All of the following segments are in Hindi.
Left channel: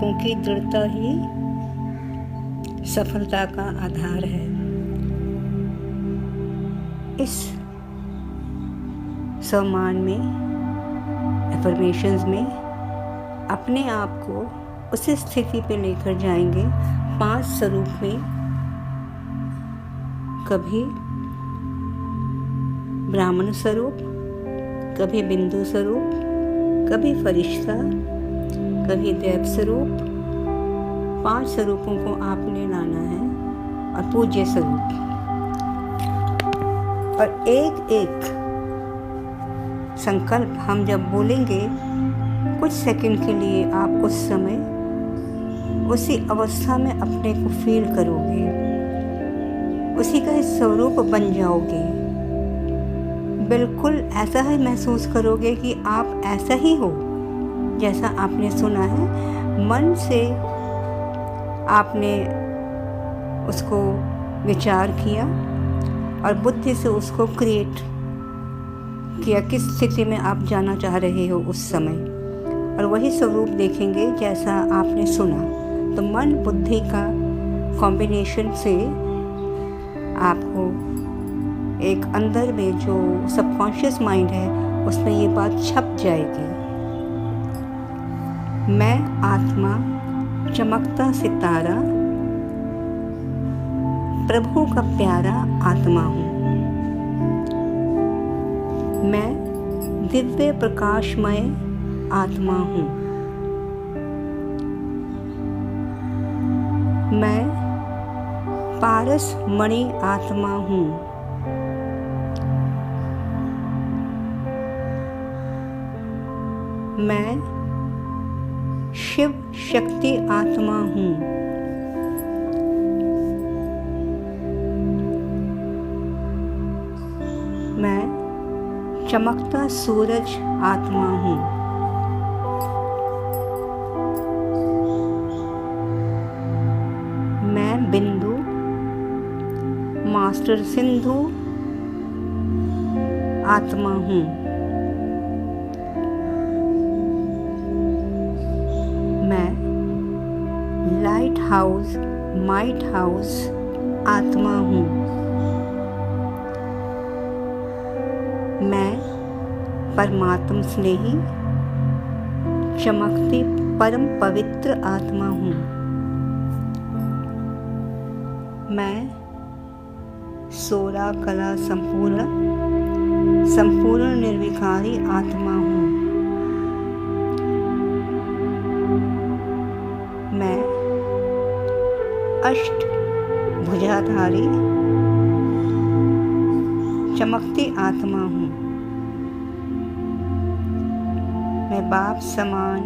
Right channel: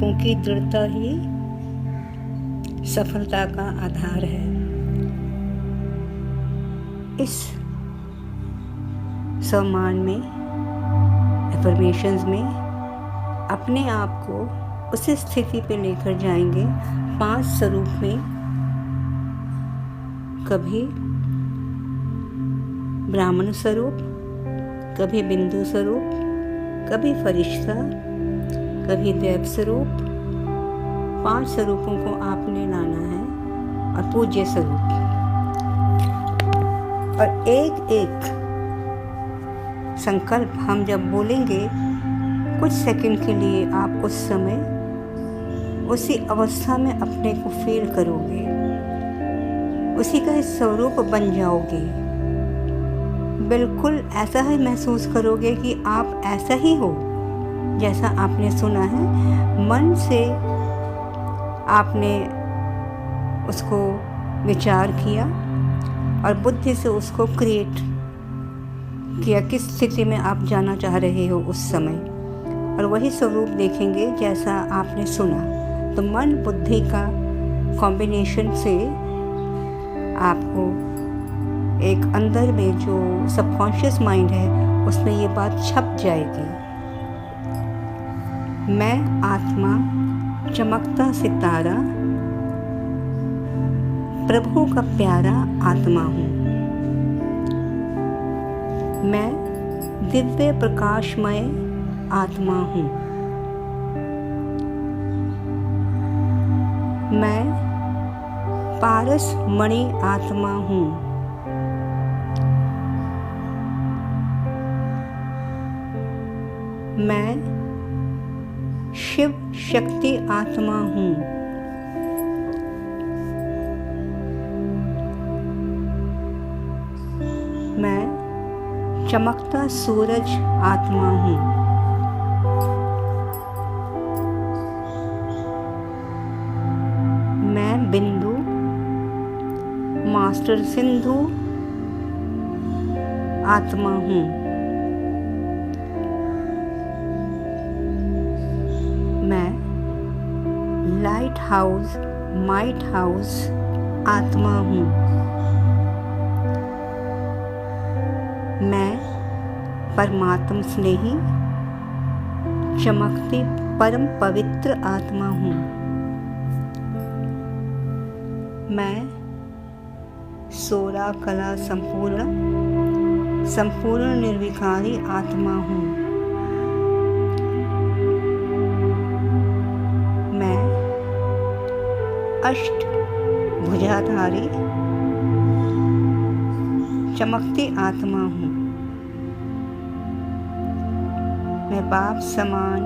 संकल्पों की दृढ़ता ही सफलता का आधार है। इस सम्मान में, एफर्मेशंस में अपने आप को उस स्थिति पे लेकर जाएंगे 5 स्वरूप में। कभी ब्राह्मण स्वरूप, कभी बिंदु स्वरूप, कभी फरिश्ता, कभी देव स्वरूप। 5 स्वरूपों को आपने लाना है और पूज्य स्वरूप। और एक एक संकल्प हम जब बोलेंगे, कुछ सेकंड के लिए आप उस समय उसी अवस्था में अपने को फील करोगे, उसी का स्वरूप बन जाओगे। बिल्कुल ऐसा ही महसूस करोगे कि आप ऐसा ही हो जैसा आपने सुना है। मन से आपने उसको विचार किया और बुद्धि से उसको क्रिएट किया, किस स्थिति में आप जाना चाह रहे हो उस समय, और वही स्वरूप देखेंगे जैसा आपने सुना। तो मन बुद्धि का कॉम्बिनेशन से आपको एक अंदर में जो सबकॉन्शियस माइंड है उसमें ये बात छप जाएगी। मैं आत्मा चमकता सितारा, प्रभु का प्यारा आत्मा हूँ। मैं दिव्य प्रकाशमय आत्मा हूँ। मैं पारस मणि आत्मा हूँ। मैं शिव शक्ति आत्मा हूँ। मैं चमकता सूरज आत्मा हूँ। मैं बिंदु मास्टर सिंधु आत्मा हूँ। मैं लाइट हाउस माइट हाउस आत्मा हूँ। मैं परमात्म स्नेही चमकती परम पवित्र आत्मा हूँ। मैं सोरा कला संपूर्ण निर्विकारी आत्मा हूँ। मैं अष्ट भुजाधारी चमकती आत्मा हूँ। मैं बाप समान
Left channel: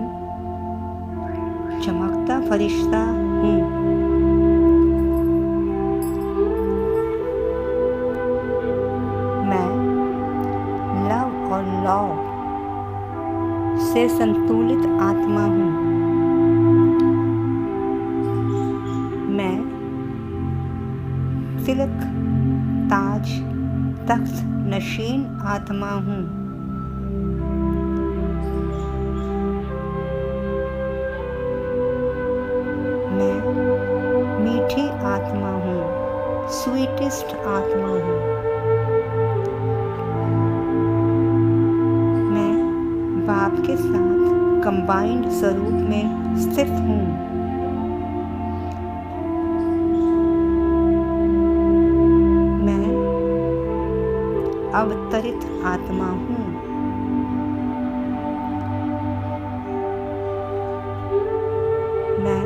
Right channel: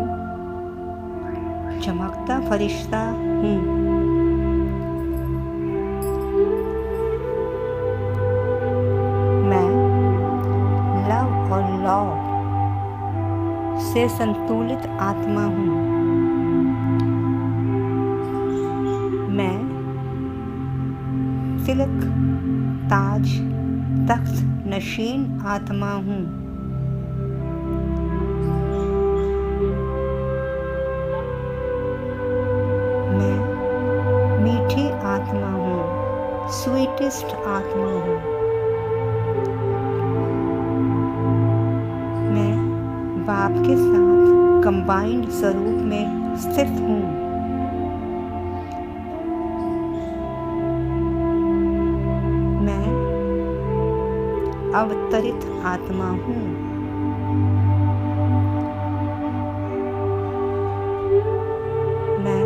चमकता फरिश्ता हूँ। मैं लव और लॉ से संतुलित आत्मा हूँ। मैं तिलक ताज तख्त नशीन आत्मा हूँ। मैं मीठी आत्मा हूँ, स्वीटेस्ट आत्मा हूँ। मैं बाप के साथ कंबाइंड स्वरूप में स्थित हूँ। मैं अवतरित आत्मा हूँ। मैं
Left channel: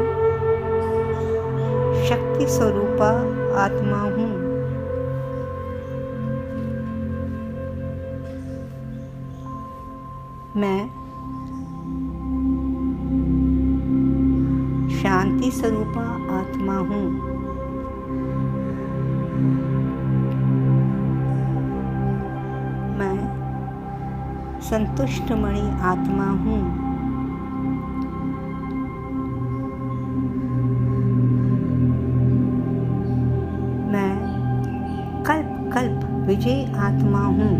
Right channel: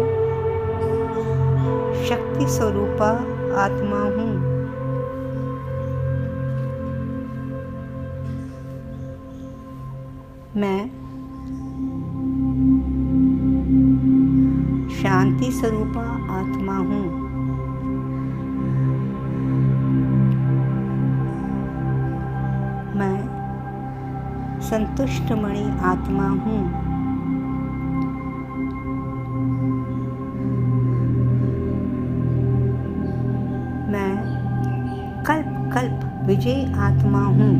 शक्ति स्वरूपा आत्मा हूँ। मैं शांति स्वरूपा आत्मा हूँ। मैं संतुष्ट मणि आत्मा हूँ। मैं कल्प कल्प विजयी आत्मा हूँ।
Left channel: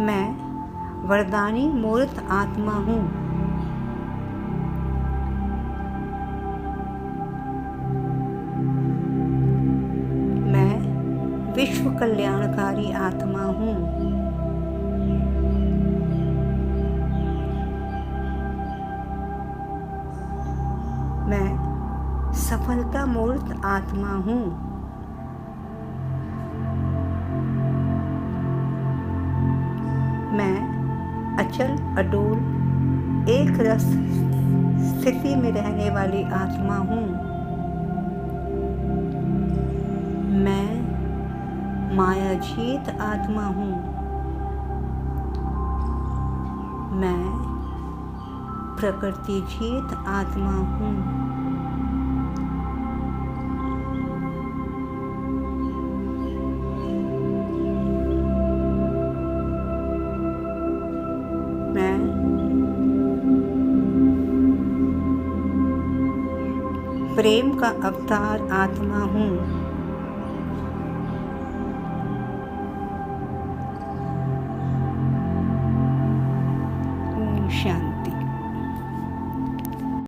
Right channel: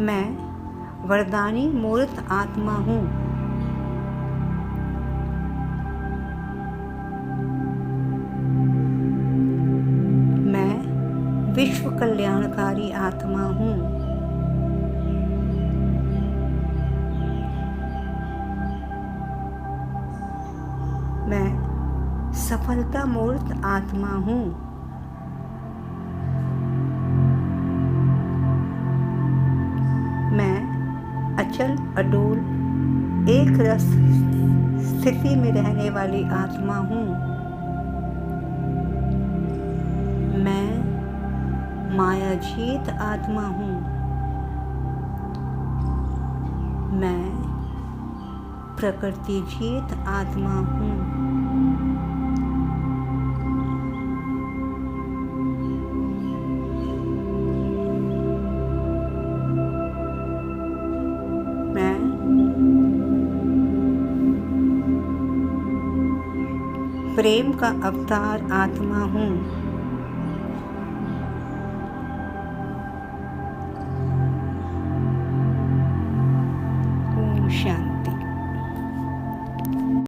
मैं वरदानी मूर्त आत्मा हूँ। मैं विश्व कल्याणकारी आत्मा हूँ। मैं सफलता मूर्त आत्मा हूँ। मैं अचल अडोल एक रस स्थिति में रहने वाली आत्मा हूँ। मैं मायाजीत आत्मा हूँ। मैं प्रकृति जीत आत्मा हूँ। मैं प्रेम का अवतार आत्मा हूँ। ओम शांति।